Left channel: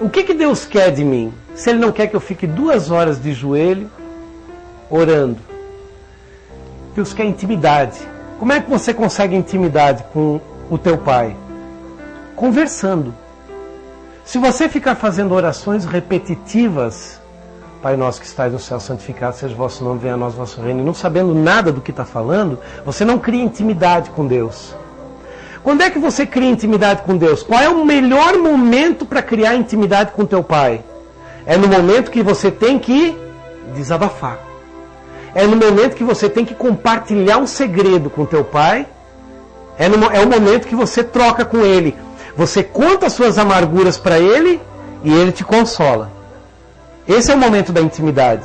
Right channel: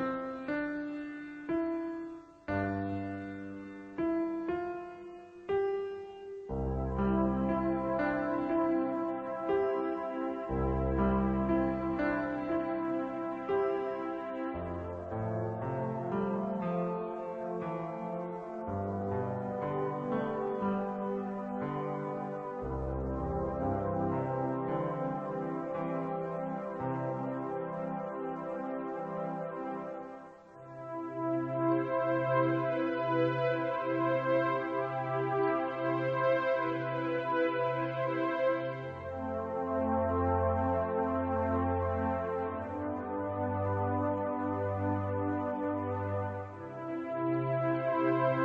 O que Deus quer de mim? Se Ele não quer que eu fique 2 horas de joelho orando. Deus quer intimidade. Como é que você consegue intimidade com o teu Pai? Conversando. Se você ficar fazendo orações repetitivas, Pai nosso que estais no céu, santificado seja o vosso nome, venha a nós o vosso reino, e não sabendo nada do que está falando, você não cria intimidade com Deus. Quando é que você cria intimidade com Deus? Qual é o melhor momento para criar intimidade com teu Pai? É no momento que você tem que desabafar. É no momento que você tem que compartilhar um segredo com teu Pai. É o momento que você troca com Ele. Você conta as suas amarguras para Ele e Ele te consola. Esse é o momento da intimidade.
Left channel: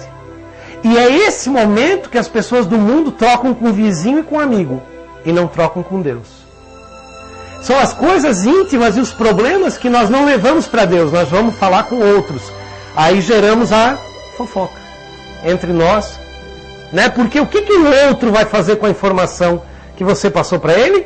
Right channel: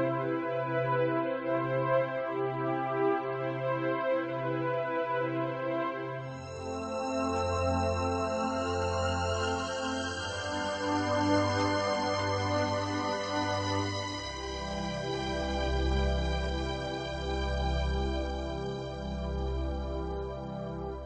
E é esse momento que as pessoas do mundo trocam com o vizinho e com o amigo. E não trocam com Deus. São as coisas íntimas e os problemas que nós não levamos para Deus. Nós vamos falar com outros. Aí geramos a fofoca entre nós. Né? Porque o que o outro vai fazer com a informação que você passou para ele?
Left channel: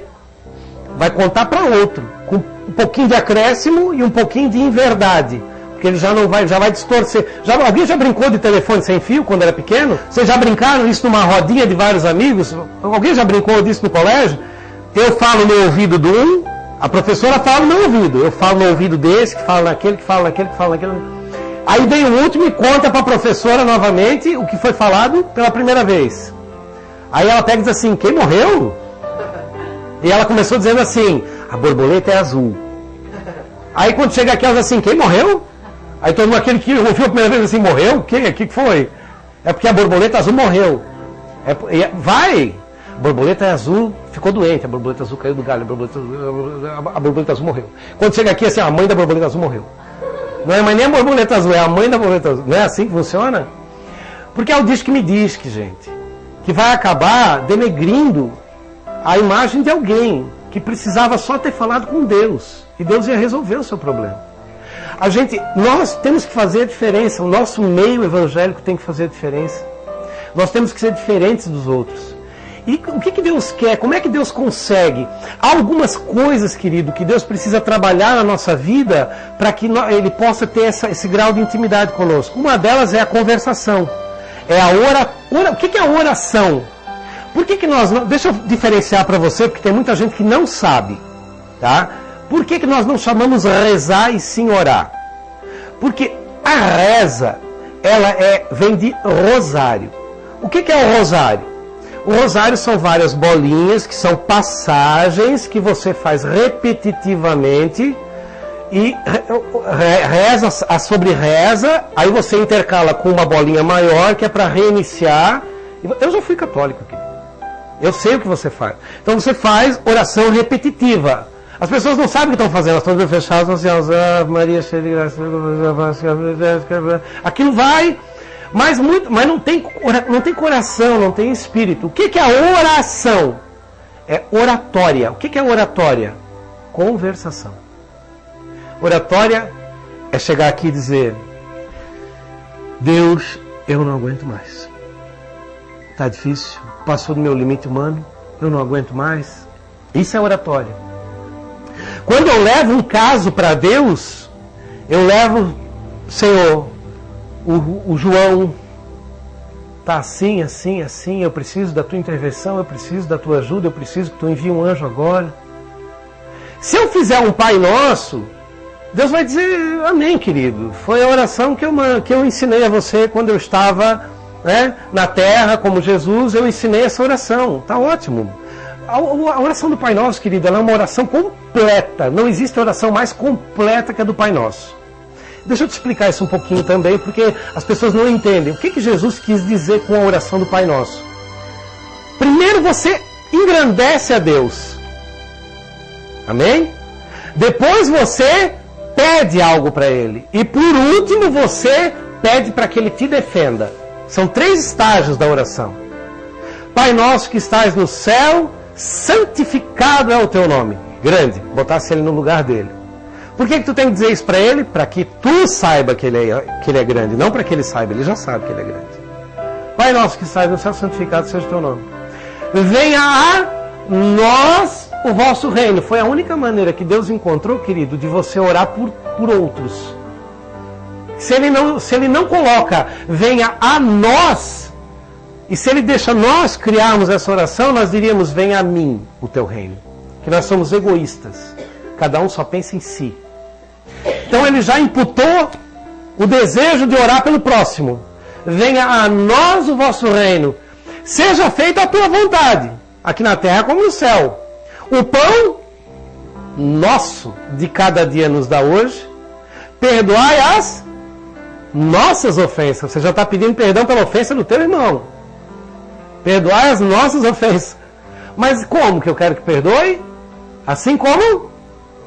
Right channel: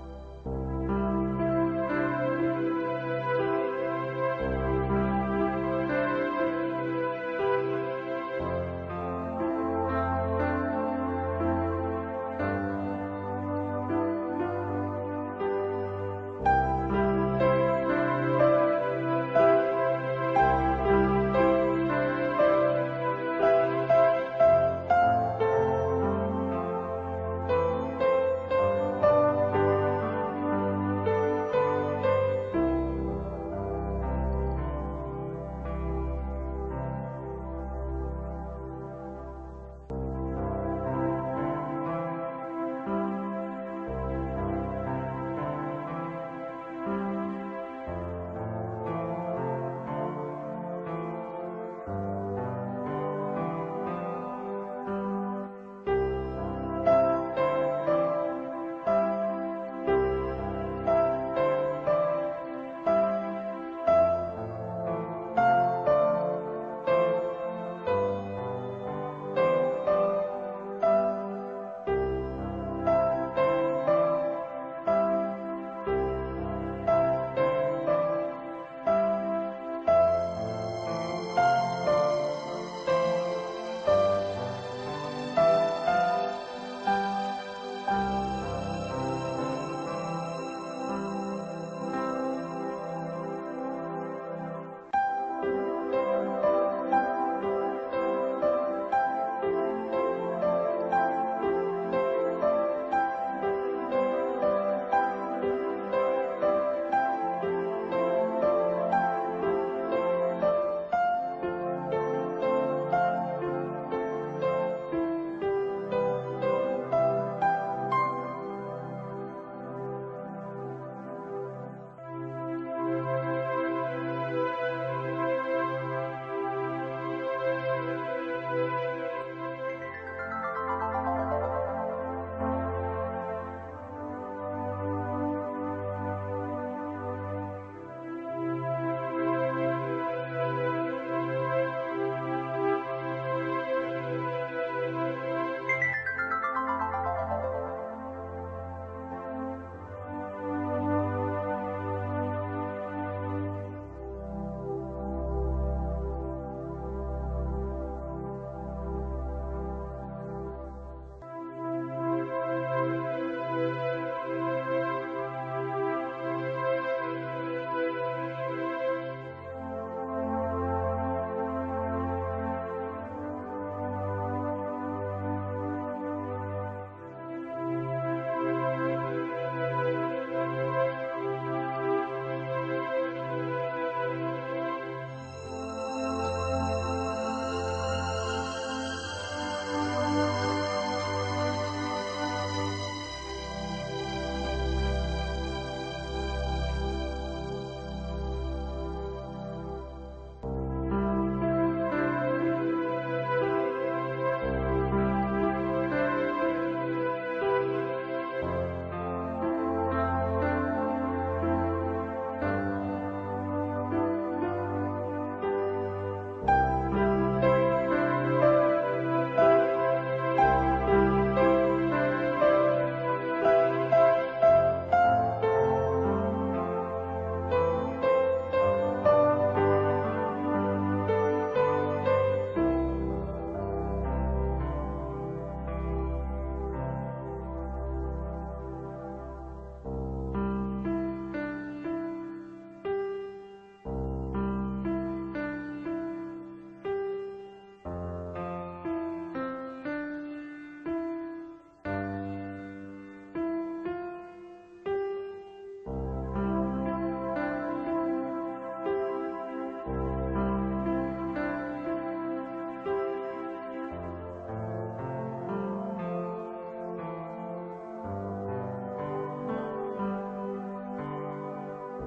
Vai contar para outro. Com um pouquinho de acréscimo e um pouquinho de inverdade. Porque ele já vai distorcer. Alguém já brincou de telefone sem fio quando era pequeno? Vocês já brincaram isso numa rodinha de vários amigos? Alguém já brincou disso no colégio? Eu falo no ouvido do um, a professora fala no meu ouvido. Eu falo no ouvido desse, que fala naquele, que fala naquele, que fala naquele. Aí vem o último e conta para a professora novamente o que foi falado pela primeira vez. Aí ela pega e diz assim, quem morreu? E ela começou dizendo assim, a borboleta é azul. Aí quando chega aqui ela diz assim, quem morreu? Aí todo mundo, aquele que ouviu a primeira vez assim, morreu? O que foi? É porque a borboleta azul morreu. Vai! A borboleta azul ficou doente, a borboleta azul caiu do galho, a borboleta azul morreu. Quando chega aqui assim, a mãe da borboleta azul morreu. Não é mais nem a borboleta azul, é a mãe da borboleta azul. Não é assim que funciona? Porque é o disque me disque, gente. Que vai acabar denegrindo a imagem de alguém que precisava só ter falado com Deus. E Deus ia resolver o seu problema. Nós temos que fazer a diferença. O nosso meio evangélico tem que fazer a diferença. Nós temos que ser diferentes dos outros. E o que Deus quer? Como é que Deus consegue? Há algumas coisas, querido, que Deus precisa trabalhar na nossa vida para que Ele possa ter esse grau de intimidade conosco. Uma delas é a conversação. É a O que é a oração? Por que nós não... Deixa eu diferenciar para você, porque tem muita gente que não sabe. Tá? Por que nós não chamamos rezar e sim orar? Porque a reza, vem de rosário. O que é o rosário? O rosário são várias bolinhas, que são passagens que você faz repetitivamente e reza sobre reza, aí você intercala com uma bolinha maior, que é para reiniciar. Eu já fui católico aqui. Eu sei o que você faz. Então você faz oração repetitiva. As pessoas não sabem o que estão fazendo, elas estão fechadas, assim, Maria, aquilo vai... Mas não tem coração, não tem espírito. O que é a oração? É oratória. O que é oratória? Conversação. Oratória é chegar aqui e dizer, Deus, eu não aguento mais. Está difícil, passou do meu limite humano, eu não aguento mais. Isso é oratória. Quando eu levo um caso para Deus, eu levo, Senhor, o João está assim, assim, assim, eu preciso da tua intervenção, eu preciso da tua ajuda, eu preciso que tu envie um anjo agora. Se eu fizer um Pai Nosso, Deus vai dizer, amém, querido. Foi a oração que eu ensinei a você quando eu estava, né, na terra, como Jesus, eu ensinei essa oração. Está ótimo. A oração do Pai Nosso, querido, ela é uma oração completa. Não existe oração mais completa que a do Pai Nosso. Deixa eu te explicar isso um pouquinho também, porque as pessoas não entendem. O que Jesus quis dizer com a oração do Pai Nosso? Primeiro você engrandece a Deus. Amém? Depois você pede algo para Ele. E por último você pede para que Ele te defenda. São 3 estágios da oração. Pai Nosso que estás no céu, santificado é o teu nome. Grande, botasse Ele no lugar dele. Por que tu tem que dizer isso para ele? Para que tu saiba que ele é grande, não para que ele saiba, ele já sabe que ele é grande. Pai Nosso que estás no céu, santificado seja o teu nome. Venha a nós o vosso reino. Foi a única maneira que Deus encontrou, querido, de você orar por outros. Se ele não coloca, venha a nós, e se ele deixa nós criarmos essa oração, nós diríamos, venha a mim o teu reino. Que nós somos egoístas. Cada um só pensa em si. Então ele já imputou o desejo de orar pelo próximo. Venha a nós o vosso reino. Seja feita a tua vontade, aqui na terra como no céu. O pão nosso de cada dia nos dá hoje. Perdoai as nossas ofensas. Você já está pedindo perdão pela ofensa do teu irmão. Perdoai as nossas ofensas. Mas como que eu quero que perdoe? Assim como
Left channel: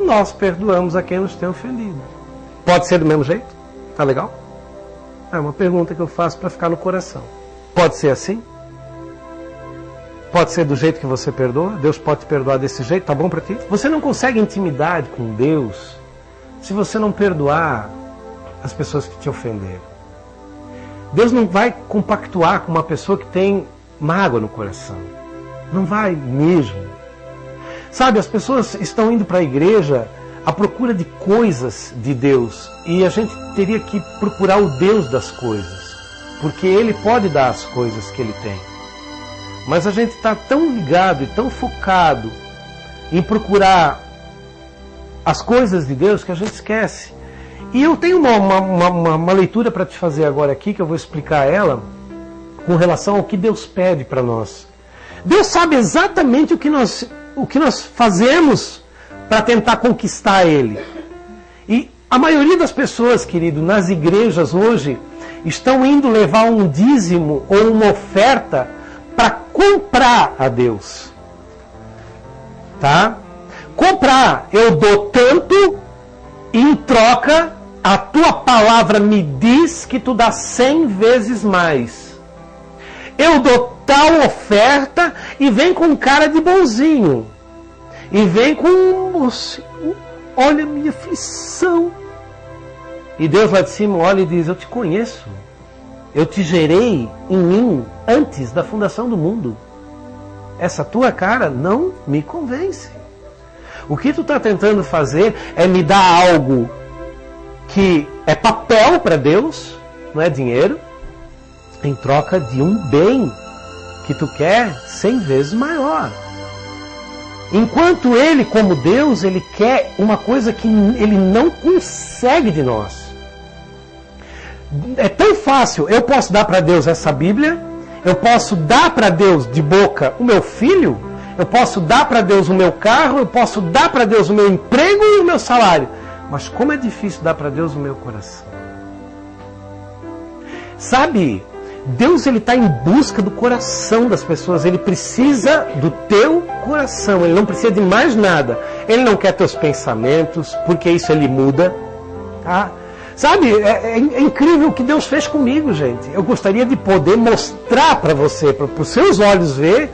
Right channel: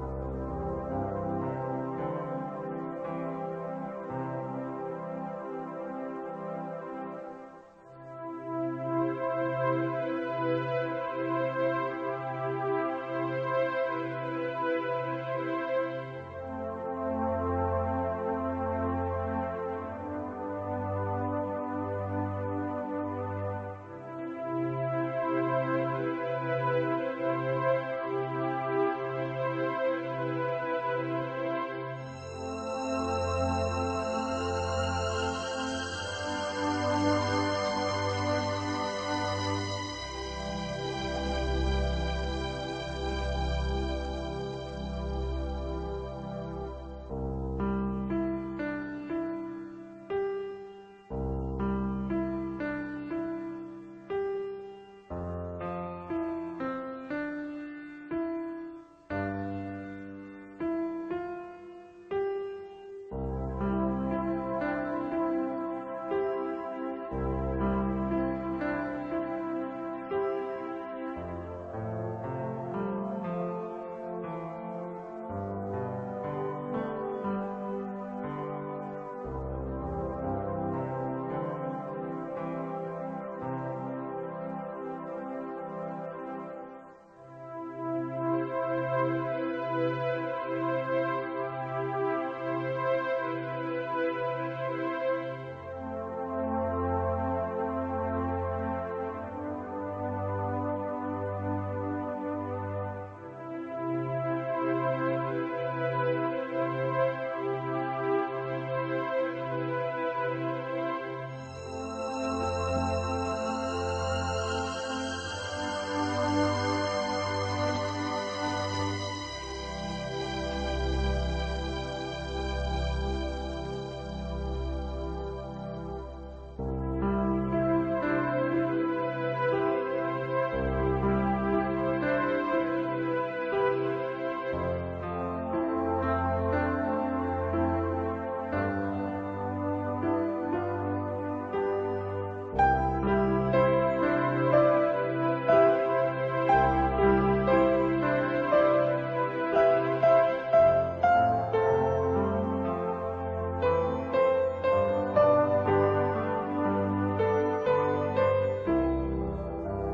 nós perdoamos a quem nos tem ofendido. Pode ser do mesmo jeito? Tá legal? É uma pergunta que eu faço para ficar no coração. Pode ser assim? Pode ser do jeito que você perdoa? Deus pode te perdoar desse jeito? Tá bom para ti? Você não consegue intimidade com Deus se você não perdoar as pessoas que te ofenderam. Deus não vai compactuar com uma pessoa que tem mágoa no coração. Não vai mesmo. Sabe, as pessoas estão indo para a igreja à procura de coisas de Deus. E a gente teria que procurar o Deus das coisas. Porque Ele pode dar as coisas que Ele tem. Mas a gente está tão ligado e tão focado em procurar as coisas de Deus que a gente esquece. E eu tenho uma leitura para te fazer agora aqui, que eu vou explicar ela, com relação ao que Deus pede para nós. Deus sabe exatamente o que nós fazemos para tentar conquistar Ele. E a maioria das pessoas, querido, nas igrejas hoje, estão indo levar um dízimo ou uma oferta para comprar a Deus. Tá? Comprar, eu dou tanto e em troca a tua palavra me diz que tu dá 100 vezes mais. Eu dou tal oferta e vem com cara de bonzinho. E vem com, olha a minha aflição. E Deus lá de cima olha e diz, eu te conheço. Eu te gerei em mim antes da fundação do mundo. Essa tua cara não me convence. O que tu está tentando fazer é me dar algo que é papel para Deus, não é dinheiro, em troca de um bem que tu quer 100 vezes maior. Enquanto Ele, como Deus, Ele quer uma coisa que Ele não consegue de nós. É tão fácil, eu posso dar para Deus essa Bíblia, eu posso dar para Deus de boca o meu filho, eu posso dar para Deus o meu carro, eu posso dar para Deus o meu emprego e o meu salário. Mas como é difícil dar para Deus o meu coração. Sabe, Deus ele está em busca do coração das pessoas. Ele precisa do teu coração. Ele não precisa de mais nada. Ele não quer teus pensamentos, porque isso ele muda. Tá? Sabe, é incrível o que Deus fez comigo, gente. Eu gostaria de poder mostrar para você, para os seus olhos ver,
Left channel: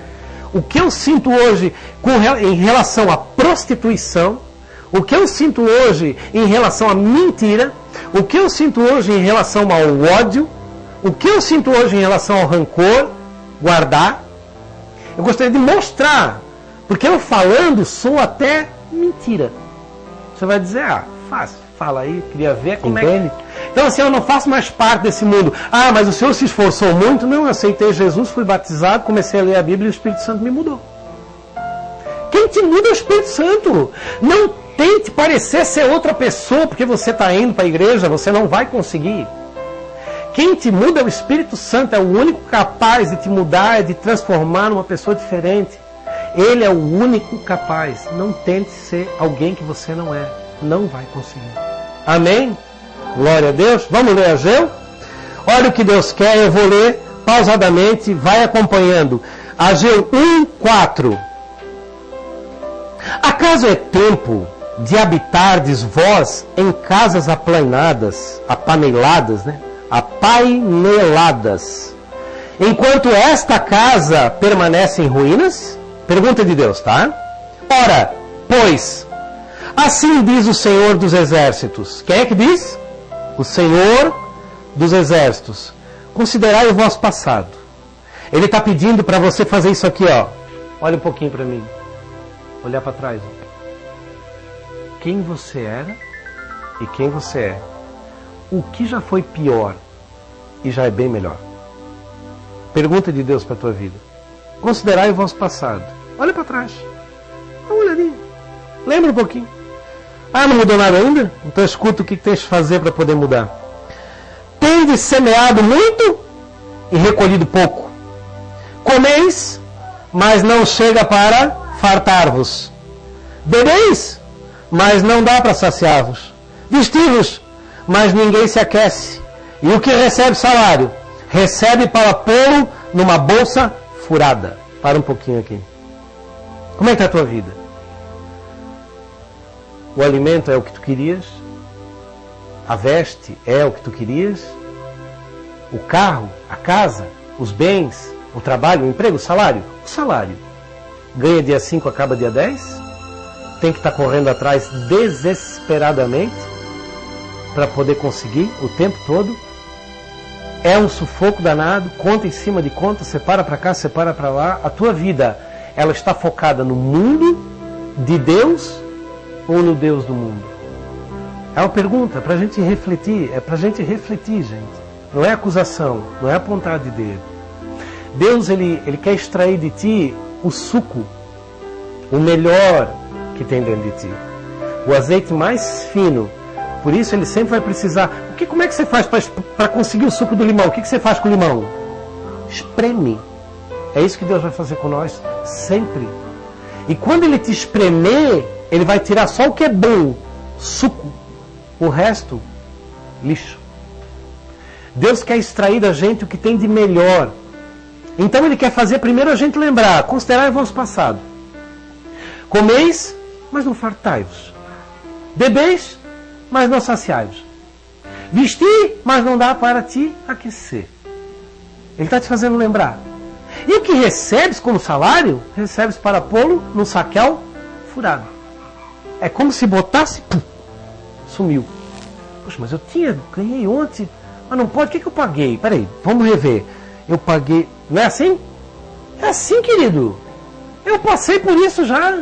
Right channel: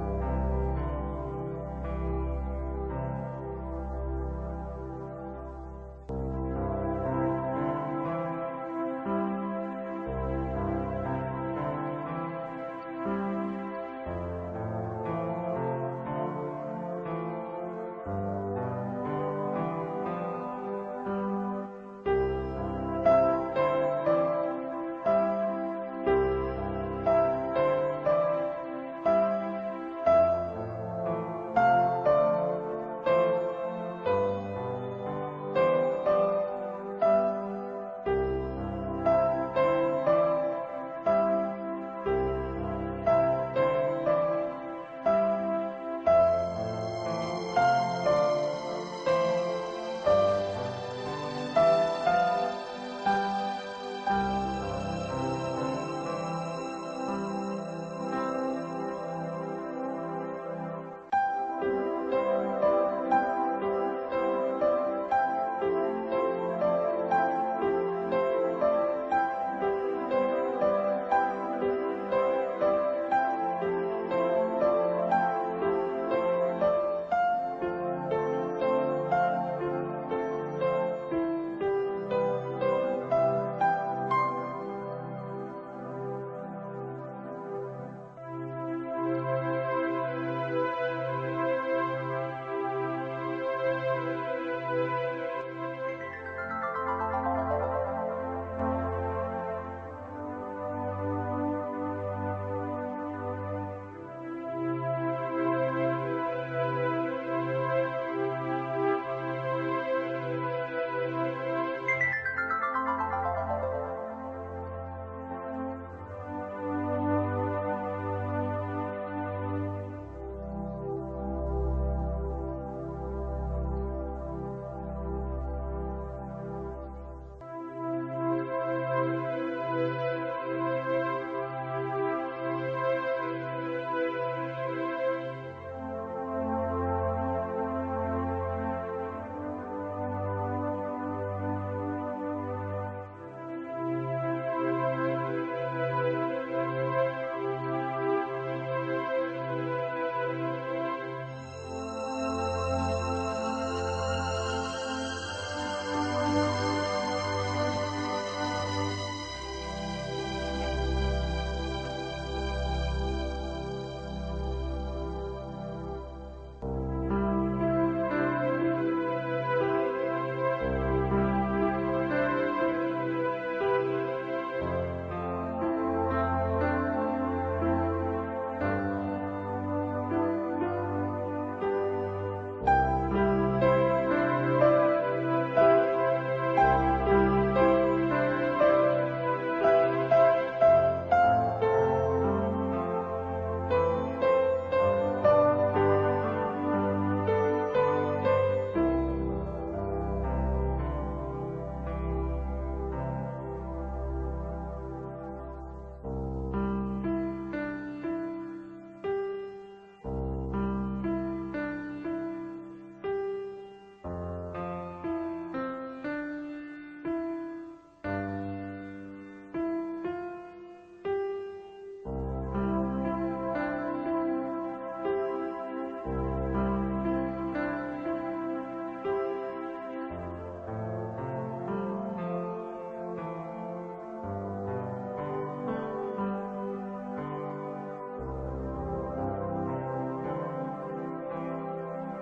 o que eu sinto hoje em relação à prostituição, o que eu sinto hoje em relação à mentira, o que eu sinto hoje em relação ao ódio, o que eu sinto hoje em relação ao rancor, guardar. Eu gostaria de mostrar, porque eu falando sou até mentira. Você vai dizer, fácil, fala aí, queria ver como é que... Então assim, eu não faço mais parte desse mundo. Mas o Senhor se esforçou muito? Não, eu aceitei Jesus, fui batizado, comecei a ler a Bíblia e o Espírito Santo me mudou. Quem te muda é o Espírito Santo. Não tente parecer ser outra pessoa porque você está indo para a igreja, você não vai conseguir. Quem te muda é o Espírito Santo, é o único capaz de te mudar, de transformar numa pessoa diferente. Ele é o único capaz. Não tente ser alguém que você não é. Não vai conseguir. Amém? Glória a Deus. Vamos ler Ageu? Olha o que Deus quer, eu vou ler pausadamente, vai acompanhando. Ageu 1:4. Acaso é tempo de habitardes vós em casas apaineladas, né? Apaineladas, enquanto esta casa permanece em ruínas? Pergunta de Deus, tá? Ora, pois, assim diz o Senhor dos Exércitos. Quem é que diz? O Senhor dos Exércitos. Considerai o vosso passado. Ele está pedindo para você fazer isso aqui, ó. Olha um pouquinho para mim. Olhar para trás. Ó. Quem você era e quem você é. o que já foi pior e já é bem melhor. Pergunta de Deus para a tua vida. Considerai o vosso passado. Olha para trás. Dá uma olhadinha. Lembra um pouquinho. Ah, não mudou nada ainda? Então escuta o que tens de fazer para poder mudar. Tendes semeado muito e recolhido pouco. Comeis, mas não chega para fartar-vos. Bebeis, mas não dá para saciar-vos. Vestivos, mas ninguém se aquece. E o que recebe salário, recebe para pô-lo numa bolsa furada. Para um pouquinho aqui. Como é que está a tua vida? O alimento é o que tu querias? A veste é o que tu querias? O carro, a casa, os bens, o trabalho, o emprego, o salário? O salário. Ganha dia 5, acaba dia 10? Tem que estar correndo atrás desesperadamente para poder conseguir o tempo todo? É um sufoco danado, conta em cima de conta, separa para cá, separa para lá. A tua vida, ela está focada no mundo de Deus ou no Deus do mundo? É uma pergunta para a gente refletir, é para a gente refletir, gente. Não é acusação, não é apontar de dedo. Deus, ele quer extrair de ti o suco, o melhor que tem dentro de ti. O azeite mais fino. Por isso ele sempre vai precisar. Como é que você faz para conseguir o suco do limão? O que você faz com o limão? Espreme. É isso que Deus vai fazer com nós, sempre. E quando ele te espremer, ele vai tirar só o que é bom, suco. O resto, lixo. Deus quer extrair da gente o que tem de melhor. Então ele quer fazer primeiro a gente lembrar, considerai o vosso passado. Comeis, mas não fartai-vos. Bebeis, mas não saciai-vos. Vestir, mas não dá para te aquecer. Ele está te fazendo lembrar. E o que recebes como salário, recebes para pô-lo num saquel furado. É como se botasse, pum, sumiu. Poxa, mas eu ganhei ontem, mas não pode, o que eu paguei? Peraí, vamos rever. Eu paguei, não é assim? É assim, querido. Eu passei por isso já.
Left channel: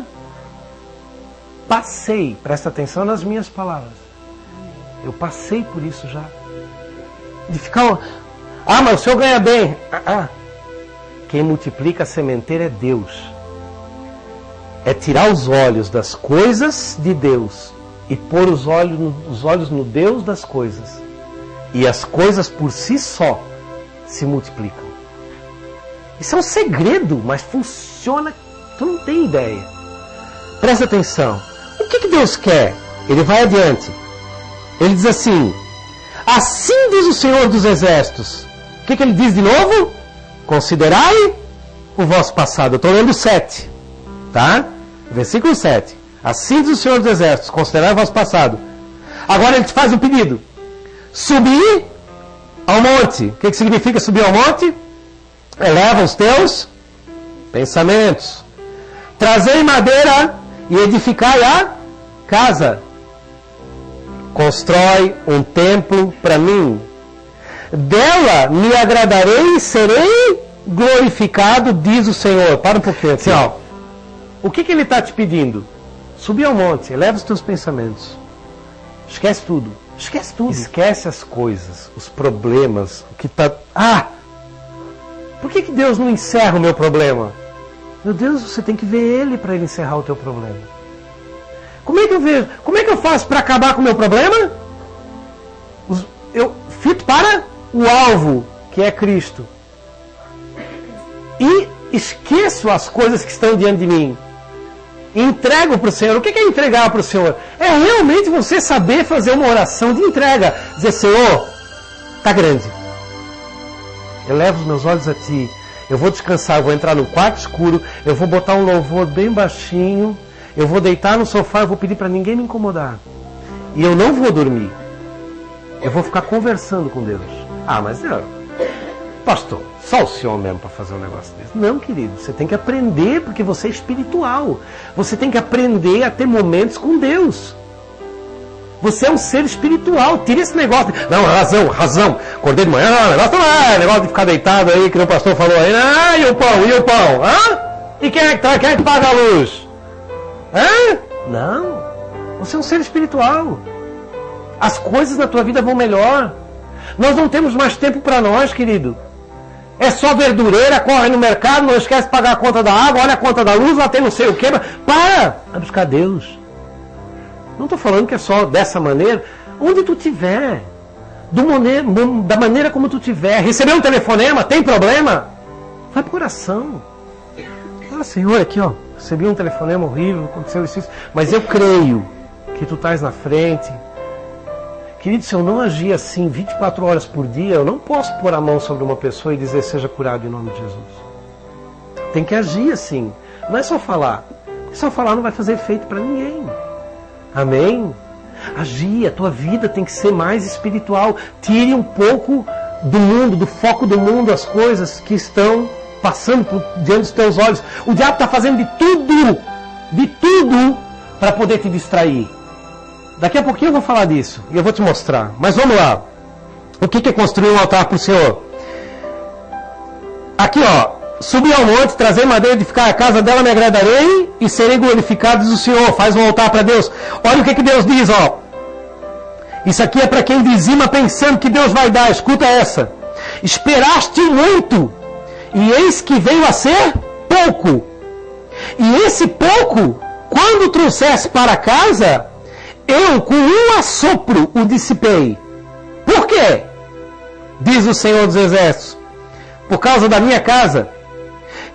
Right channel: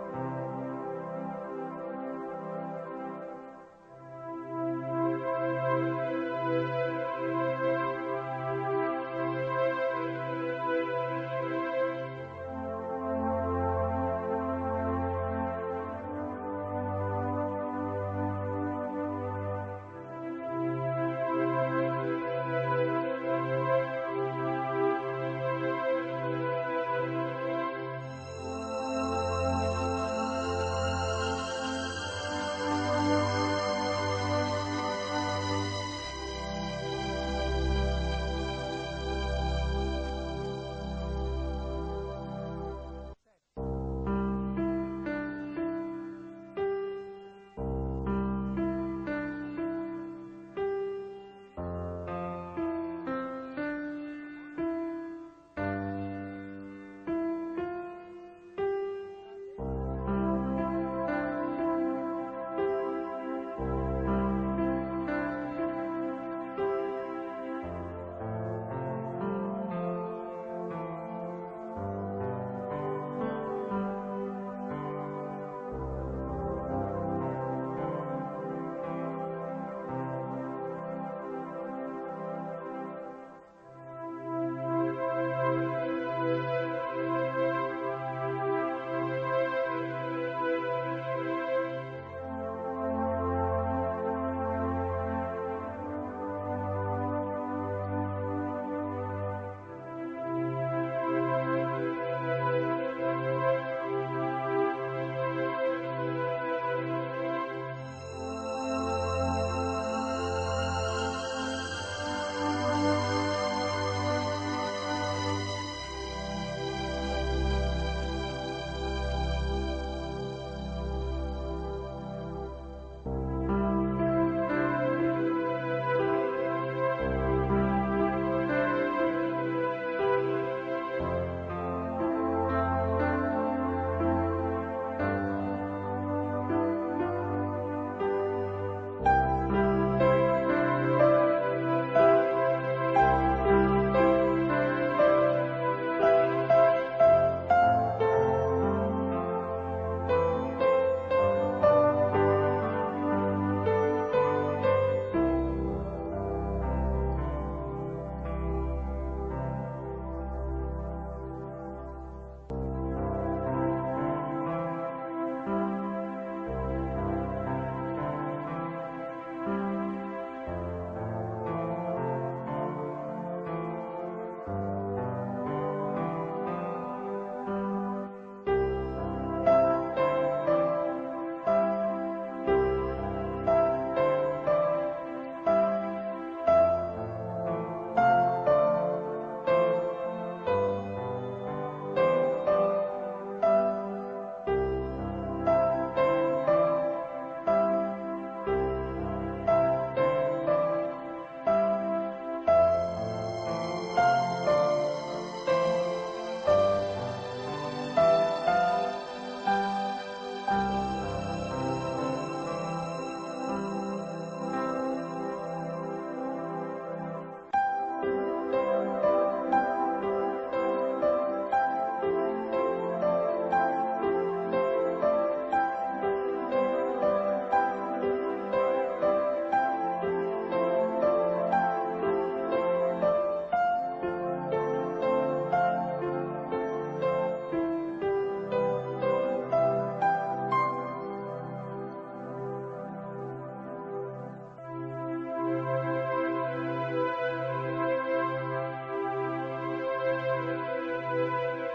Passei, presta atenção nas minhas palavras. Eu passei por isso já. De ficar, mas o senhor ganha bem. Quem multiplica a sementeira é Deus. É tirar os olhos das coisas de Deus e pôr os olhos no Deus das coisas. E as coisas por si só se multiplicam. Isso é um segredo, mas funciona, tu não tem ideia. Presta atenção. O que Deus quer? Ele vai adiante. Ele diz assim: assim diz o Senhor dos Exércitos. O que ele diz de novo? Considerai o vosso passado. Eu estou lendo 7. Tá? Versículo 7. Assim diz o Senhor dos Exércitos. Considerai o vosso passado. Agora ele te faz um pedido. Subir ao monte. O que significa subir ao monte? Eleva os teus pensamentos. Trazei madeira e edificai a casa. Constrói um templo para mim. Dela me agradarei e serei glorificado, diz o Senhor. Para um pouquinho assim, ó. O que ele está te pedindo? Subir ao monte, eleva os teus pensamentos. Esquece tudo. Esquece tudo. Esquece as coisas, os problemas, o que está... por que Deus não encerra o meu problema? Meu Deus, você tem que ver Ele para Ele encerrar o teu problema. Como é que eu vejo? Como é que eu faço para acabar com o meu problema? Eu fito para o alvo, que é Cristo. E esqueço as coisas que estão diante de mim. Entrego para o Senhor. O que é entregar para o Senhor? É realmente você saber fazer uma oração de entrega. Dizer, Senhor, está grande. Eu levo os meus olhos a Ti. Eu vou descansar, eu vou entrar no quarto escuro, eu vou botar um louvor bem baixinho, eu vou deitar no sofá, eu vou pedir para ninguém me incomodar. E eu não vou dormir. Eu vou ficar conversando com Deus. Mas pastor, só o senhor mesmo para fazer um negócio desse. Não, querido, você tem que aprender, porque você é espiritual. Você tem que aprender a ter momentos com Deus. Você é um ser espiritual. Tira esse negócio. Não, razão. Acordei de manhã, negócio de ficar deitado aí, que o pastor falou aí. E o pão? E quem é que paga a luz? Não. Você é um ser espiritual. as coisas na tua vida vão melhor. Nós não temos mais tempo para nós, querido. É só verdureira, corre no mercado, não esquece de pagar a conta da água, olha a conta da luz, lá tem não sei o quê. Para! Vai buscar Deus. Não estou falando que é só dessa maneira. Onde tu estiver, da maneira como tu estiver, receber um telefonema, tem problema? Vai para oração. Fala, Senhor, aqui ó, recebi um telefonema horrível, aconteceu isso, mas eu creio que tu estás na frente. Querido, se eu não agir assim 24 horas por dia, eu não posso pôr a mão sobre uma pessoa e dizer seja curado em nome de Jesus. Tem que agir assim. Não é só falar. Só falar não vai fazer efeito para ninguém. Amém? Agir, a tua vida tem que ser mais espiritual. Tire um pouco do mundo, do foco do mundo, as coisas que estão passando diante dos teus olhos. O diabo está fazendo de tudo para poder te distrair. Daqui a pouquinho eu vou falar disso e eu vou te mostrar. Mas vamos lá. O que é construir um altar para o Senhor? Aqui ó, subir ao monte, trazer madeira, edificar a casa dela, me agradarei e serei glorificado, diz o Senhor. Faz um altar para Deus. Olha o que Deus diz, ó. Isso aqui é para quem dizima pensando que Deus vai dar. Escuta essa. Esperaste muito e eis que veio a ser pouco. E esse pouco, quando trouxesse para casa, eu com um assopro o dissipei. Por quê? Diz o Senhor dos Exércitos. Por causa da minha casa,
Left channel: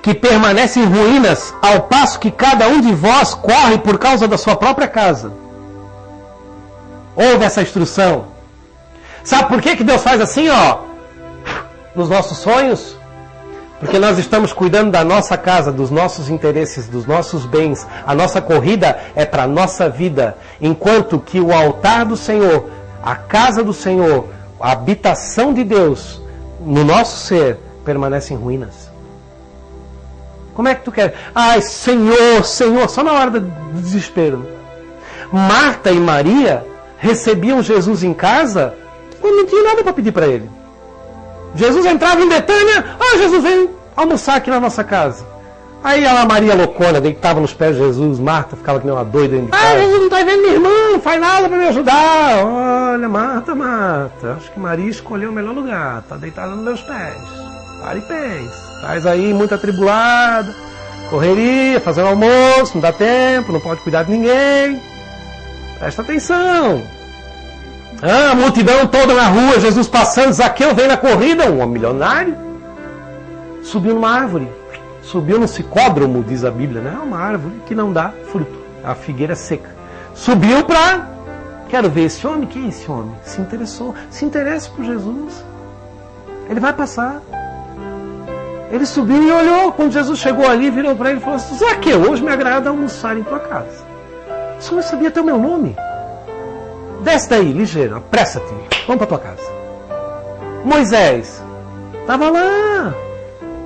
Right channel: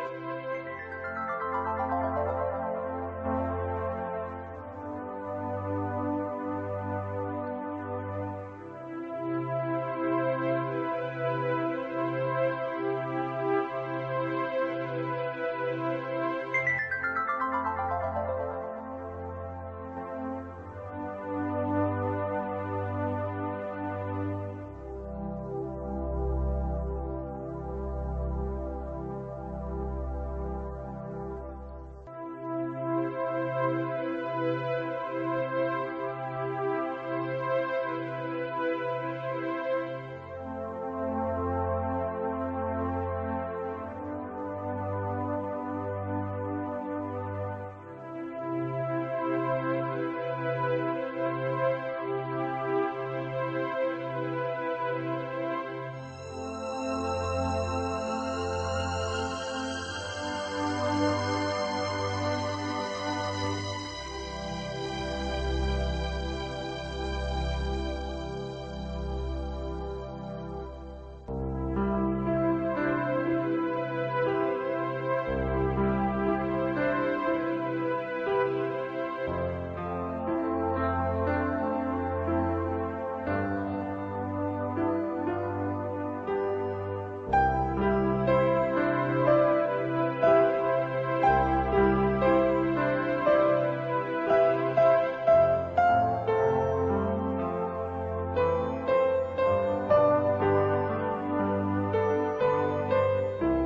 que permanece em ruínas, ao passo que cada um de vós corre por causa da sua própria casa. Ouve essa instrução. Sabe por que Deus faz assim, ó? Nos nossos sonhos? Porque nós estamos cuidando da nossa casa, dos nossos interesses, dos nossos bens. A nossa corrida é para a nossa vida. Enquanto que o altar do Senhor, a casa do Senhor, a habitação de Deus no nosso ser, permanece em ruínas. Como é que tu quer? Ai, Senhor, Senhor, só na hora do desespero. Marta e Maria recebiam Jesus em casa quando não tinha nada para pedir para ele. Jesus entrava em Betânia, Jesus vem almoçar aqui na nossa casa. Aí a Maria loucona deitava nos pés de Jesus, Marta ficava que nem uma doida. Jesus não está vendo minha irmã, não faz nada para me ajudar. Olha, Marta, acho que Maria escolheu o melhor lugar, está deitada nos meus pés. Para e pensa. Estás aí muito atribulado, correria, fazendo almoço, não dá tempo, não pode cuidar de ninguém. Presta atenção. A multidão toda na rua, Jesus passando, Zaqueu vem na corrida, um milionário. Subiu numa árvore, subiu no sicódromo, diz a Bíblia, né? Uma árvore que não dá fruto, a figueira seca. Subiu para, quero ver esse homem, quem é esse homem? Se interessou, se interesse por Jesus. Ele vai passar. Ele subiu e olhou, quando Jesus chegou ali, virou para ele e falou assim, Zaqueu, hoje me agrada almoçar em tua casa. Você não sabia até o meu nome? Desce daí, ligeiro, apressa-te, vamos para tua casa. Moisés estava lá,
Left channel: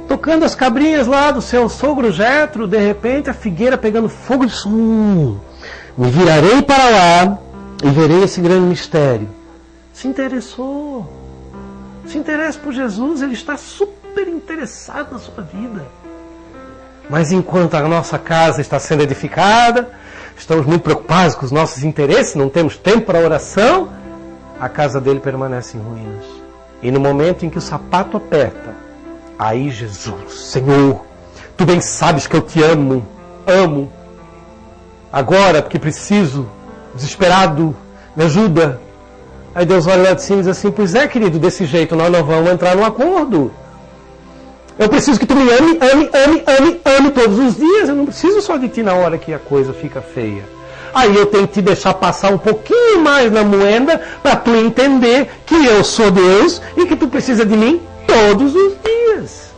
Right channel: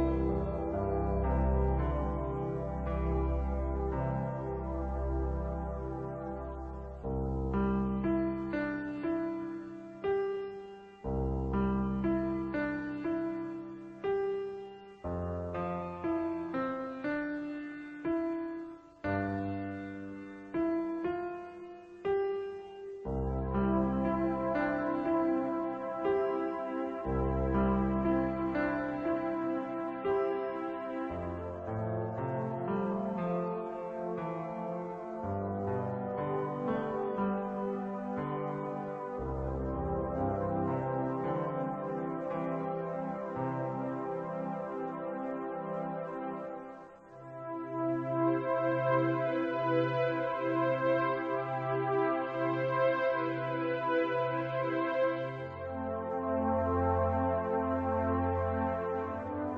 tocando as cabrinhas lá do seu sogro Jetro, de repente a figueira pegando fogo e disse, me virarei para lá e verei esse grande mistério. Se interessou, se interessa por Jesus, ele está super interessado na sua vida. Mas enquanto a nossa casa está sendo edificada, estamos muito preocupados com os nossos interesses, não temos tempo para oração, a casa dele permanece em ruínas. E no momento em que o sapato aperta, aí Jesus, Senhor, tu bem sabes que eu te amo, agora porque preciso, desesperado, me ajuda. Aí Deus olha lá de cima e diz assim, pois é, querido, desse jeito nós não vamos entrar num acordo. Eu preciso que tu me ame todos os dias. Eu não preciso só de ti na hora que a coisa fica feia. Aí eu tenho que te deixar passar um pouquinho mais na moeda para tu entender que eu sou Deus e que tu precisa de mim todos os dias.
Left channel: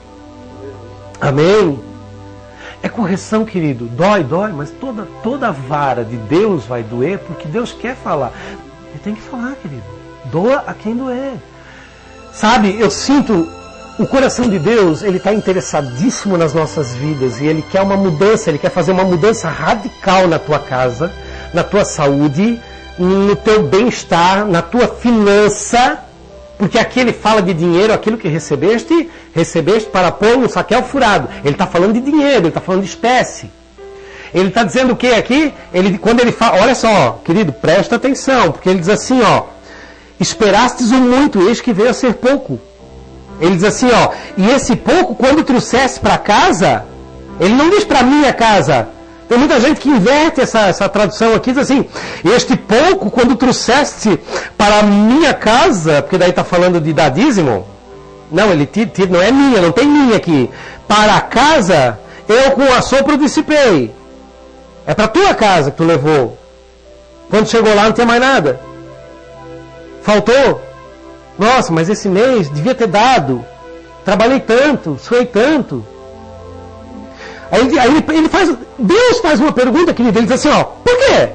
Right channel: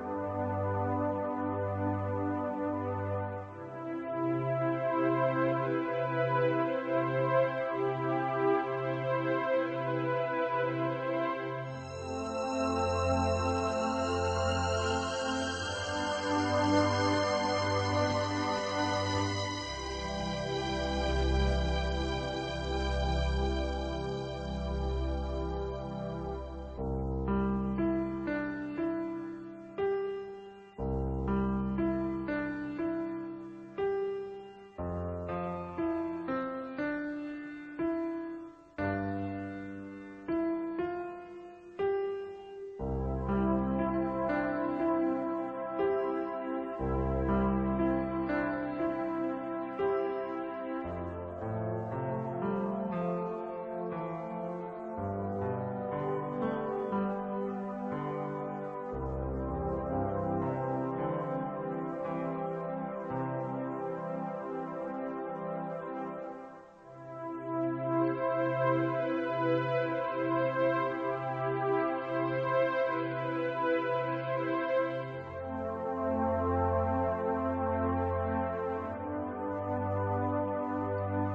Amém? É correção, querido. Dói, mas toda vara de Deus vai doer porque Deus quer falar. Eu tenho que falar, querido. Doa a quem doer. Sabe, eu sinto... O coração de Deus, ele está interessadíssimo nas nossas vidas e ele quer uma mudança, ele quer fazer uma mudança radical na tua casa, na tua saúde, no teu bem-estar, na tua finança, porque aqui ele fala de dinheiro, aquilo que recebeste para pôr no saquel furado. Ele está falando de dinheiro, ele está falando de espécie. Ele está dizendo o que aqui? Quando ele fala, olha só, querido, presta atenção, porque ele diz assim, ó, esperastes o muito, eis que veio a ser pouco. Ele diz assim, ó, e esse pouco, quando trouxesse para casa, ele não diz para minha casa. Tem muita gente que inverte essa tradução aqui, diz assim, este pouco, quando trouxeste para a minha casa, porque daí está falando de dar dízimo. Não, não é minha, não tem minha aqui. Para a casa, eu com assopro dissipei. É para a tua casa que tu levou. Quando chegou lá não tinha mais nada. Faltou. Nossa, mas esse mês devia ter dado. Trabalhei tanto, suei tanto. Deus faz uma pergunta, querido. Ele diz assim, ó, por quê?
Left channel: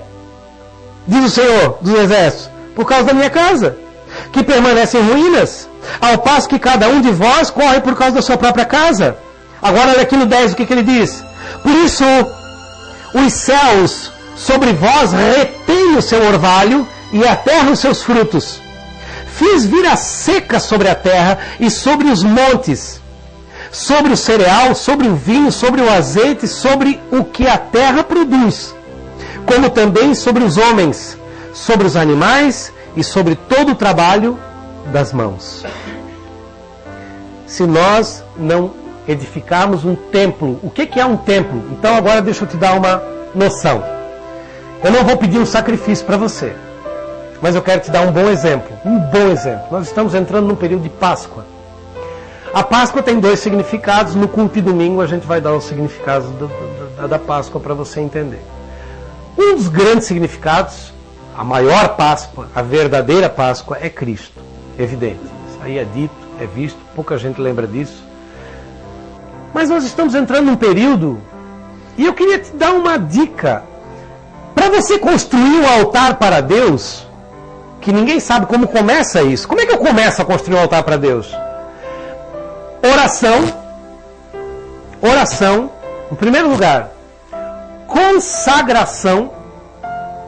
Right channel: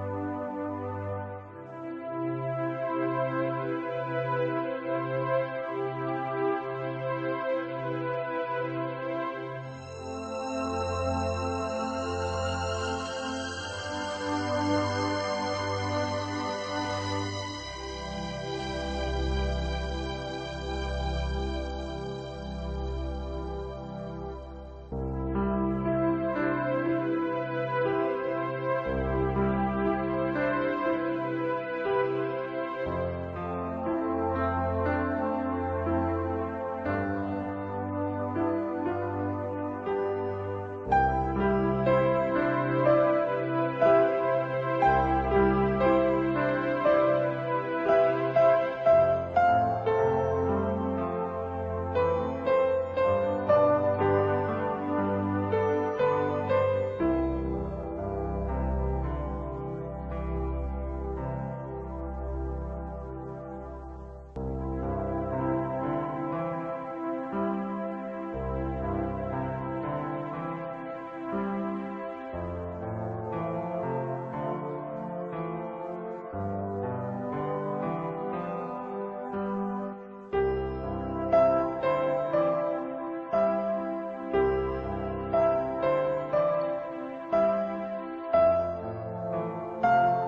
Diz o Senhor dos Exércitos. Por causa da minha casa, que permanece em ruínas, ao passo que cada um de vós corre por causa da sua própria casa. Agora olha aqui no 10, o que ele diz? Por isso, os céus sobre vós retêm o seu orvalho e a terra os seus frutos. Fiz vir a seca sobre a terra e sobre os montes, sobre o cereal, sobre o vinho, sobre o azeite, sobre o que a terra produz, como também sobre os homens, sobre os animais e sobre todo o trabalho das mãos. Se nós não edificarmos um templo, o que é um templo? Então agora deixa eu te dar uma noção. Eu não vou pedir um sacrifício para você, mas eu quero te dar um bom exemplo. Um bom exemplo. Nós estamos entrando num período de Páscoa. A Páscoa tem 2 significados. No culto de domingo a gente vai dar os significados da Páscoa para você entender. Um dos grandes significados, a maior Páscoa, a verdadeira Páscoa, é Cristo. Evidente. Isso aí é dito, é visto, pouca gente lembra disso. Mas nós estamos entrando num período, e eu queria te dar uma dica. Para você construir um altar para Deus, que ninguém sabe como começa isso. Como é que eu começo a construir um altar para Deus? Oração, em primeiro lugar. Consagração.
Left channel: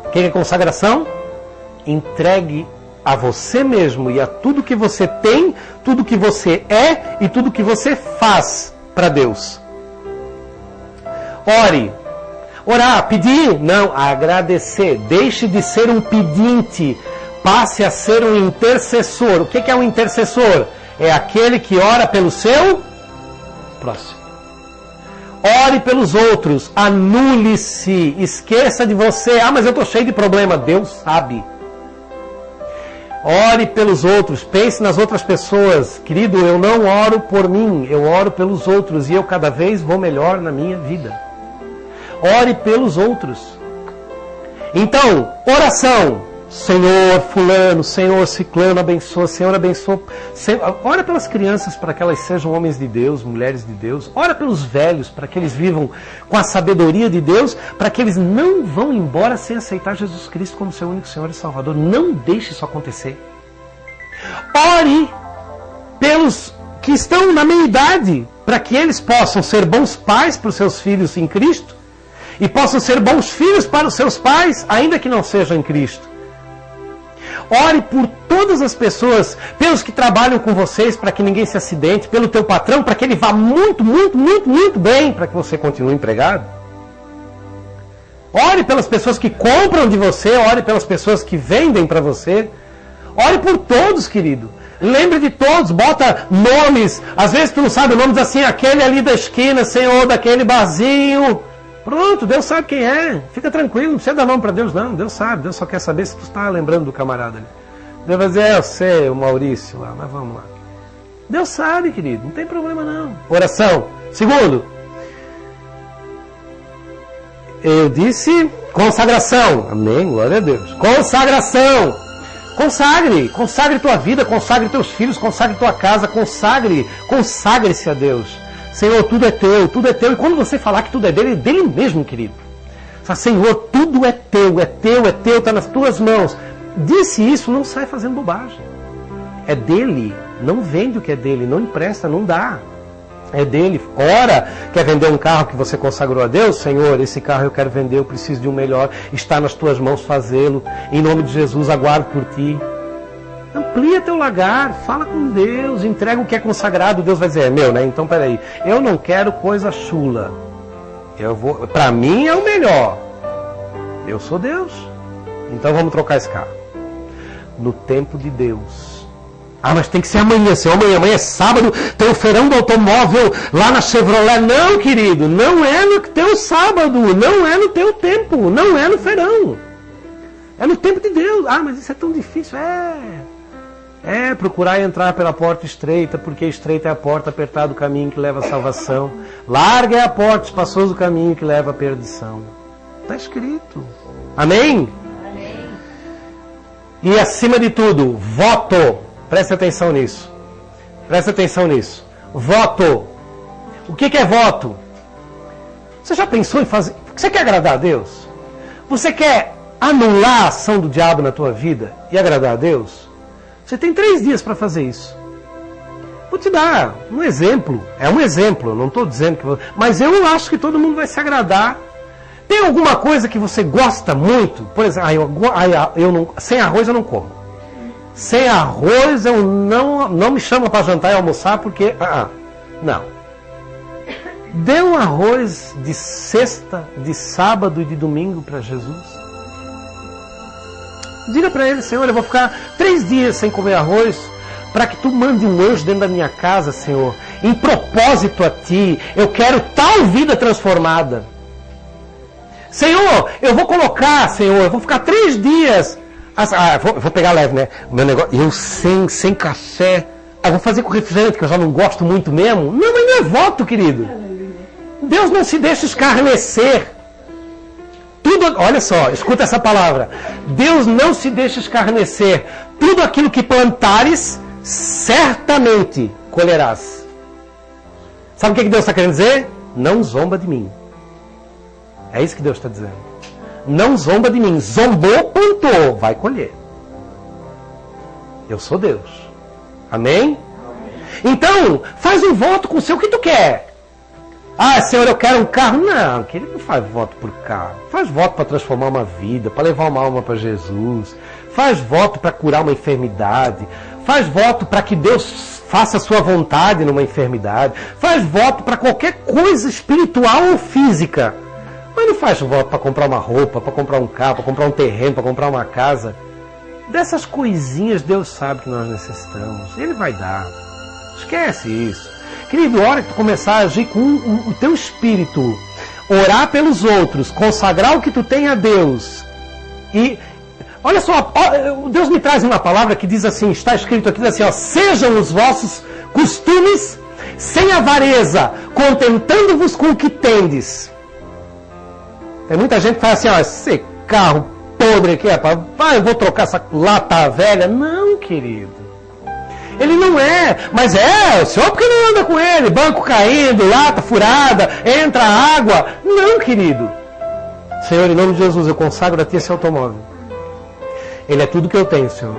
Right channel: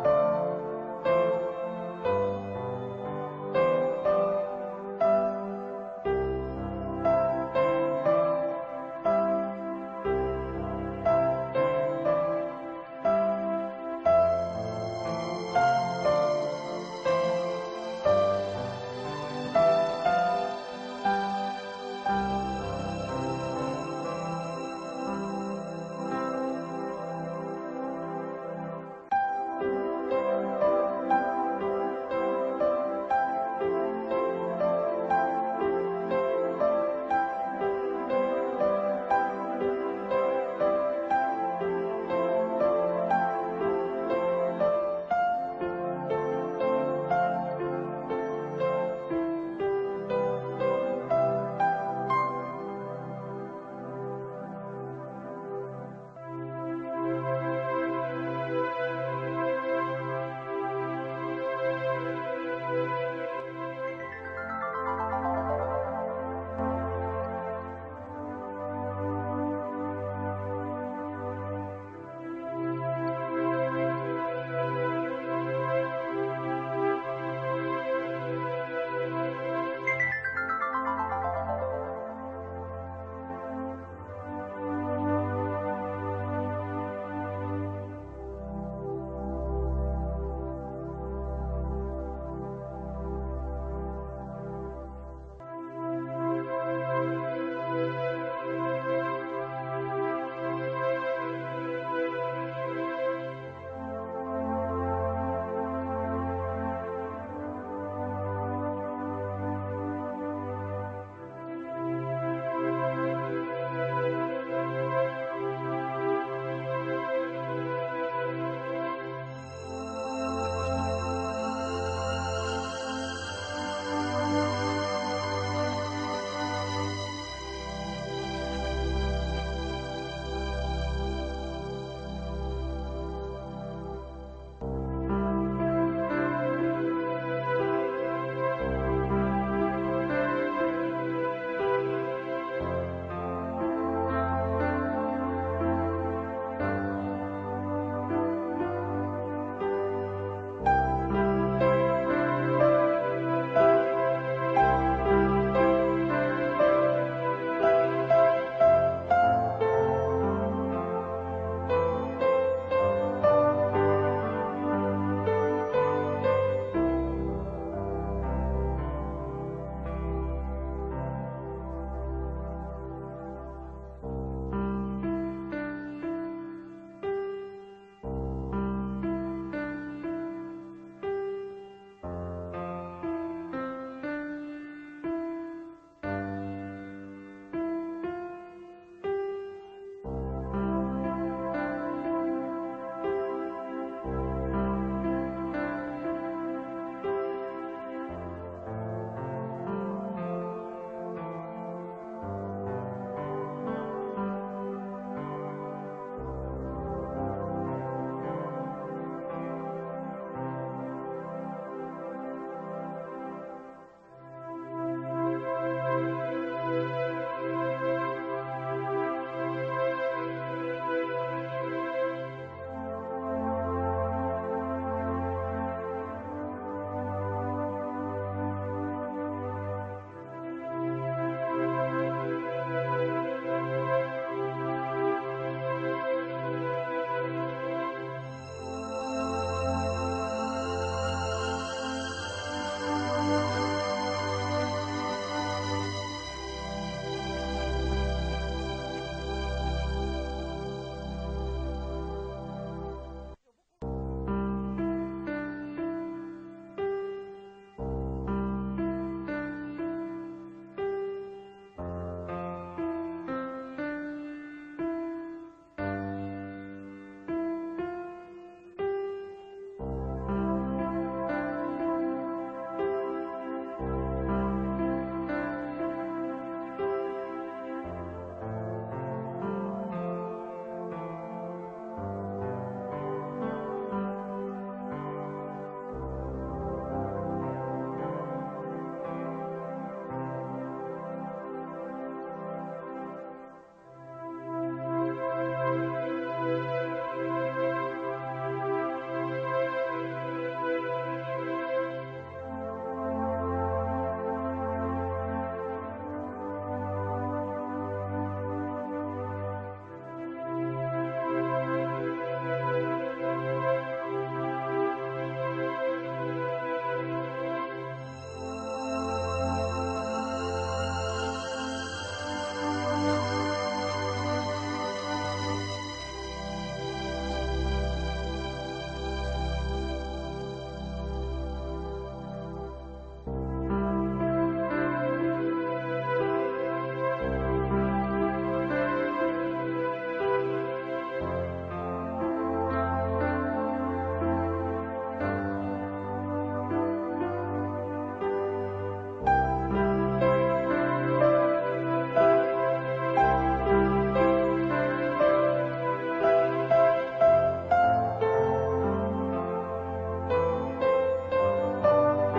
O que é consagração? Entregue a você mesmo e a tudo que você tem, tudo que você é e tudo que você faz para Deus. Ore. Orar, pedir? Não, agradecer. Deixe de ser um pedinte. Passe a ser um intercessor. O que é um intercessor? É aquele que ora pelo seu próximo. Ore pelos outros. Anule-se. Esqueça de você. Ah, mas eu estou cheio de problema. Deus sabe. Ore pelos outros. Pense nas outras pessoas. Querido, eu não oro por mim. Eu oro pelos outros. E eu cada vez vou melhor na minha vida. Ore pelos outros. Então, oração. Senhor fulano, Senhor ciclano, abençoa, Senhor abençoa. Ora pelas crianças para que elas sejam homens de Deus, mulheres de Deus. Ora pelos velhos para que eles vivam com a sabedoria de Deus, para que eles não vão embora sem aceitar Jesus Cristo como seu único Senhor e Salvador. Não deixe isso acontecer. Ore pelos que estão na meia idade, para que eles possam ser bons pais para os seus filhos em Cristo e possam ser bons filhos para os seus pais, ainda que não sejam em Cristo. Ore por todas as pessoas, pelos que trabalham com vocês, para que ninguém se acidente, pelo teu patrão, para que ele vá muito, muito, muito, muito bem, para que você continue empregado. Ore pelas pessoas que compram de você, ore pelas pessoas que vendem para você. Ore por todos, querido. Lembre de todos, bota nomes. Às vezes tu não sabe o nome, diz assim, aquele ali da esquina, Senhor, daquele barzinho. Pronto, Deus sabe quem é. Fica tranquilo, não precisa dar nome para Deus, não. Deus sabe, Deus só quer saber se tu está lembrando do camarada. Deus vai dizer, eu sei, o Maurício lá, mas vamos lá. Deus sabe, querido, não tem problema não. Oração. Segundo, eu disse consagração. Amém, glória a Deus. Consagração. Consagre tua vida, consagre teus filhos, consagre tua casa, consagre-se a Deus. Senhor, tudo é teu. E quando você falar que tudo é dele mesmo, querido. Senhor, tudo é teu, está nas tuas mãos. Disse isso, não sai fazendo bobagem. É dele, não vende o que é dele, não empresta, não dá. É dele. Ora, quer vender um carro que você consagrou a Deus? Senhor, esse carro eu quero vender, eu preciso de um melhor. Está nas tuas mãos fazê-lo. Em nome de Jesus, aguardo por ti. Amplia teu lagar, fala com Deus, entrega o que é consagrado, Deus vai dizer, é meu, né? Então peraí, eu não quero coisa chula, Para mim é o melhor. Eu sou Deus. Então vamos trocar esse carro. No tempo de Deus. Ah, mas tem que ser amanhã, Senhor. Amanhã é sábado, tem o feirão do automóvel lá na Chevrolet. Não, querido, não é no teu sábado, não é no teu tempo, não é no feirão. É no tempo de Deus. Ah, mas isso é tão difícil. É procurar entrar pela porta estreita, porque estreita é a porta, apertado o caminho que leva à salvação. Larga é a porta, espaçoso o caminho que leva à perdição. Está escrito. Amém? E acima de tudo, voto. Preste atenção nisso. Preste atenção nisso. Voto. O que é voto? Você já pensou em fazer... Você quer agradar a Deus? Você quer anular a ação do diabo na tua vida e agradar a Deus? Você tem 3 dias para fazer isso. Vou te dar um exemplo. É um exemplo, eu não estou dizendo que... Mas eu acho que todo mundo vai se agradar. Tem alguma coisa que você gosta muito? Por exemplo, sem arroz eu não como. Sem arroz eu não me chama para jantar e almoçar porque... não. Dê um arroz de sexta, de sábado e de domingo para Jesus. Diga para ele, Senhor, eu vou ficar 3 dias sem comer arroz para que tu mande um anjo dentro da minha casa, Senhor. Em propósito a ti, eu quero tal vida transformada. Senhor, eu vou colocar, Senhor, eu vou ficar 3 dias... vou pegar leve, né? Meu negócio, eu sem café. Vou fazer com refrigerante, que eu já não gosto muito mesmo. Não, mas não é voto, querido. Deus não se deixa escarnecer. Tudo, olha só, escuta essa palavra. Deus não se deixa escarnecer. Tudo aquilo que plantares, certamente colherás. Sabe o que Deus está querendo dizer? Não zomba de mim. É isso que Deus está dizendo. Não zomba de mim. Zombou, plantou, vai colher. Eu sou Deus. Amém? Então, faz um voto com o seu que tu quer. Ah, Senhor, eu quero um carro. Não, querido, não faz voto por carro. Faz voto para transformar uma vida, para levar uma alma para Jesus. Faz voto para curar uma enfermidade. Faz voto para que Deus faça a sua vontade numa enfermidade. Faz voto para qualquer coisa espiritual ou física. Mas não faz voto para comprar uma roupa, para comprar um carro, para comprar um terreno, para comprar uma casa. Dessas coisinhas Deus sabe que nós necessitamos. Ele vai dar. Esquece isso. Querido, a hora que tu começar a agir com o teu espírito, orar pelos outros, consagrar o que tu tem a Deus. E olha só, Deus me traz uma palavra que diz assim, está escrito aqui, diz assim, ó, sejam os vossos costumes sem avareza, contentando-vos com o que tendes. Tem muita gente que fala assim, ó, esse carro podre aqui, eu vou trocar essa lata velha. Não, querido. Ele não é, mas o senhor porque não anda com ele? Banco caindo, lata furada, entra água. Não, querido. Senhor, em nome de Jesus, eu consagro a ti esse automóvel. Ele é tudo que eu tenho, Senhor.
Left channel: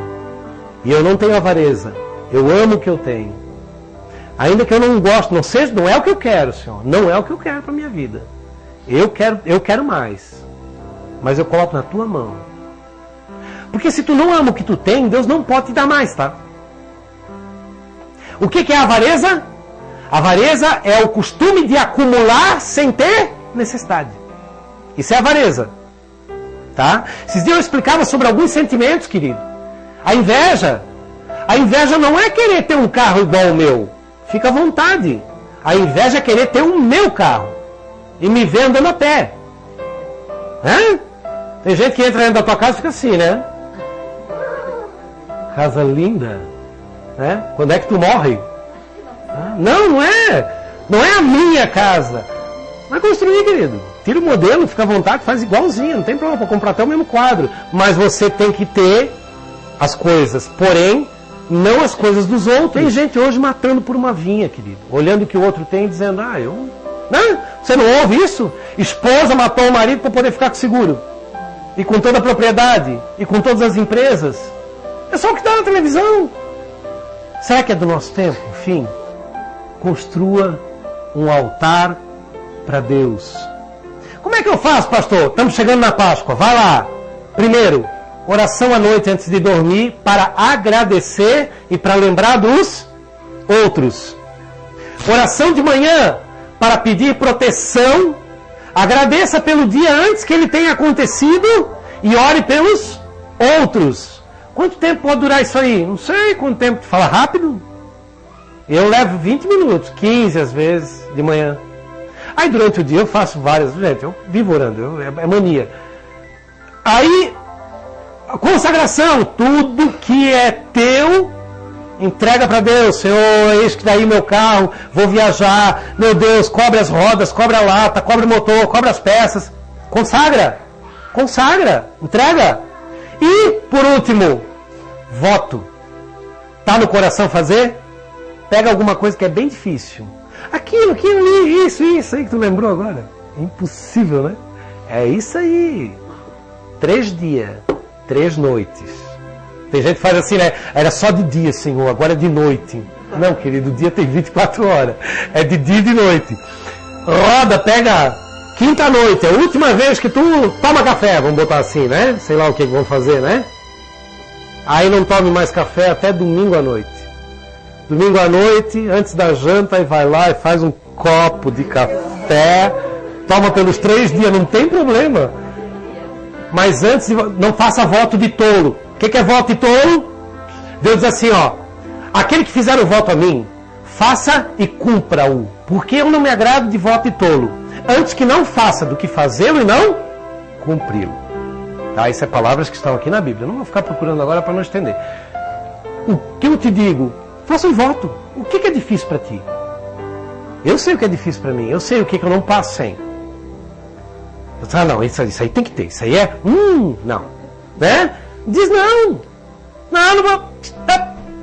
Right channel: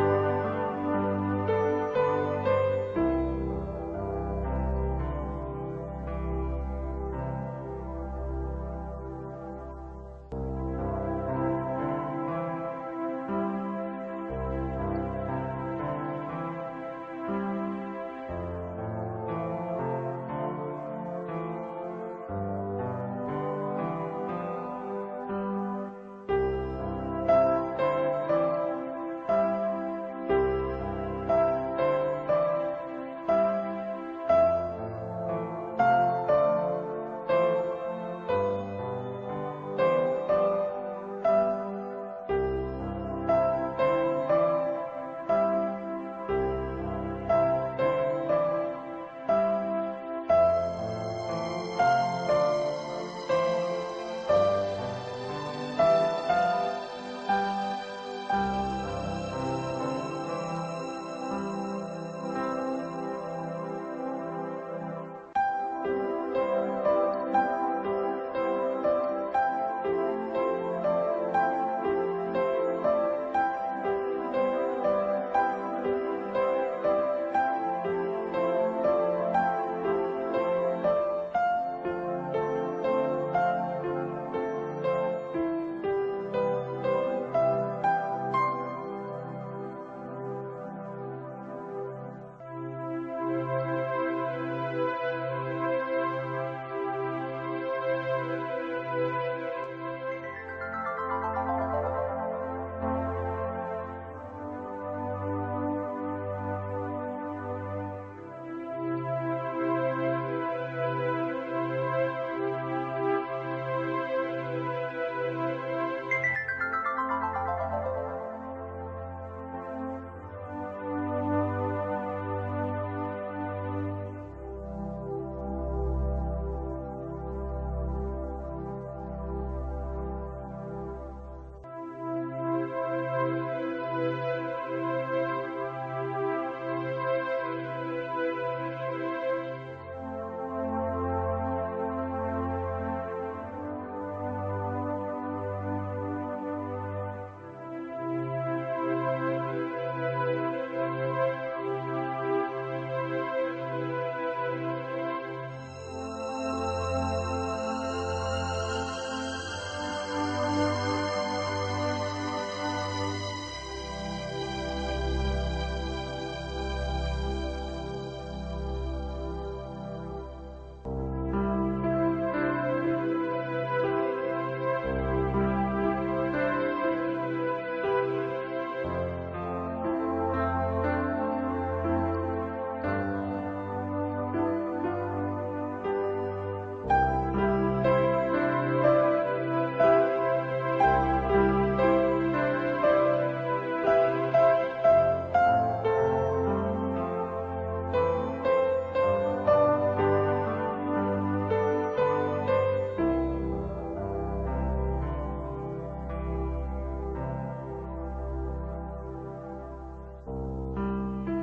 E eu não tenho avareza. Eu amo o que eu tenho. Ainda que eu não goste, não é o que eu quero, Senhor. Não é o que eu quero para a minha vida. Eu quero mais. Mas eu coloco na tua mão. Porque se tu não ama o que tu tem, Deus não pode te dar mais, tá? O que é a avareza? Avareza é o costume de acumular sem ter necessidade. Isso é avareza. Tá? Esses dias eu explicava sobre alguns sentimentos, querido. A inveja não é querer ter um carro igual ao meu. Fica à vontade. A inveja é querer ter o meu carro. E me ver andando a pé. Tem gente que entra dentro da tua casa e fica assim, né? Casa linda. Né? Quando é que tu morre? Não é a minha casa. Vai construir, querido. Tira o modelo, fica à vontade, faz igualzinho. Não tem problema, para comprar até o mesmo quadro. Mas você tem que ter as coisas. Porém, não as coisas dos outros. Tem gente hoje matando por uma vinha, querido. Olhando o que o outro tem e dizendo, você não ouve isso? Esposa matou o marido para poder ficar com seguro. E com toda a propriedade. E com todas as empresas. É só o que está na televisão. Será que é do nosso tempo? Enfim, construa um altar para Deus. Como é que eu faço, pastor? Estamos chegando na Páscoa. Vai lá. Primeiro, oração à noite antes de dormir para agradecer e para lembrar dos outros. Oração de manhã para pedir proteção Agradeça pelo dia antes que ele tenha acontecido e ore pelos outros. Quanto tempo pode durar isso aí? Não sei quanto tempo. Fala rápido. Eu levo 20 minutos, 15 às vezes, de manhã. Aí durante o dia eu faço várias. Gente, eu vivo orando, é mania. Aí, a consagração, tudo que é teu, entrega para Deus. Senhor, eis que daí meu carro, vou viajar. Meu Deus, cobre as rodas, cobre a lata, cobre o motor, cobre as peças. Consagra, entrega. E, por último, voto. Tá no coração fazer? Pega alguma coisa que é bem difícil. Aquilo ali, isso aí que tu lembrou agora. Impossível, né? É isso aí. 3 dias, 3 noites. Tem gente que faz assim, né? Era só de dia, Senhor, agora é de noite. Não, querido, o dia tem 24 horas. É de dia e de noite. Roda, pega quinta noite. É a última vez que tu toma café, vamos botar assim, né? Sei lá o que vão fazer, né? Aí não tome mais café até domingo à noite. Domingo à noite, antes da janta, aí vai lá e faz um copo de café. Toma pelos 3 dias, não tem problema. Mas antes, não faça voto de tolo. O que é voto de tolo? Deus diz assim, ó. Aquele que fizer o voto a mim, faça e cumpra-o. Porque eu não me agrado de voto de tolo. Antes que não faça do que fazê-lo e não cumpri-lo. Tá? Isso é palavras que estão aqui na Bíblia. Eu não vou ficar procurando agora para não estender. O que eu te digo? Faça um voto. O que é difícil para ti? Eu sei o que é difícil para mim. Eu sei o que eu não passo sem. Ah, não, isso aí tem que ter. Isso aí é... não. Né? Diz não. Não vou...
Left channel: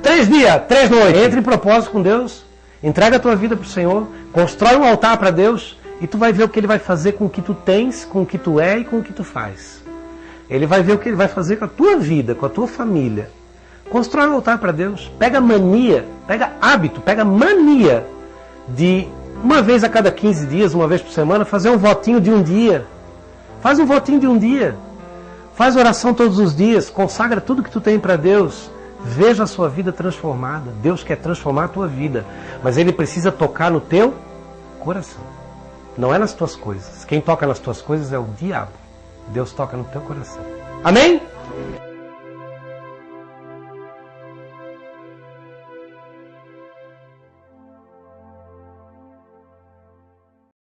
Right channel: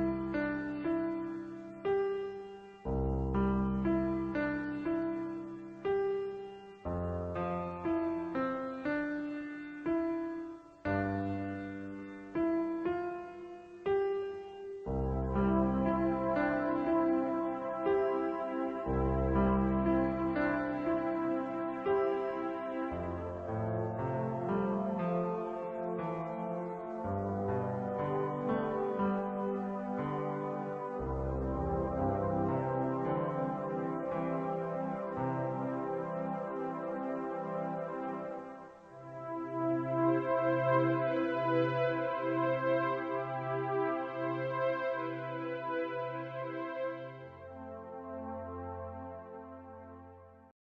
3 dias, 3 noites. Entre em propósito com Deus. Entrega a tua vida para o Senhor. Constrói um altar para Deus. E tu vai ver o que Ele vai fazer com o que tu tens, com o que tu é e com o que tu faz. Ele vai ver o que Ele vai fazer com a tua vida, com a tua família. Constrói um altar para Deus. Pega mania, pega hábito, pega mania de uma vez a cada 15 dias, uma vez por semana, fazer um votinho de um dia. Faz um votinho de um dia. Faz oração todos os dias. Consagra tudo que tu tem para Deus. Veja a sua vida transformada. Deus quer transformar a tua vida. Mas Ele precisa tocar no teu coração. Não é nas tuas coisas. Quem toca nas tuas coisas é o diabo. Deus toca no teu coração. Amém?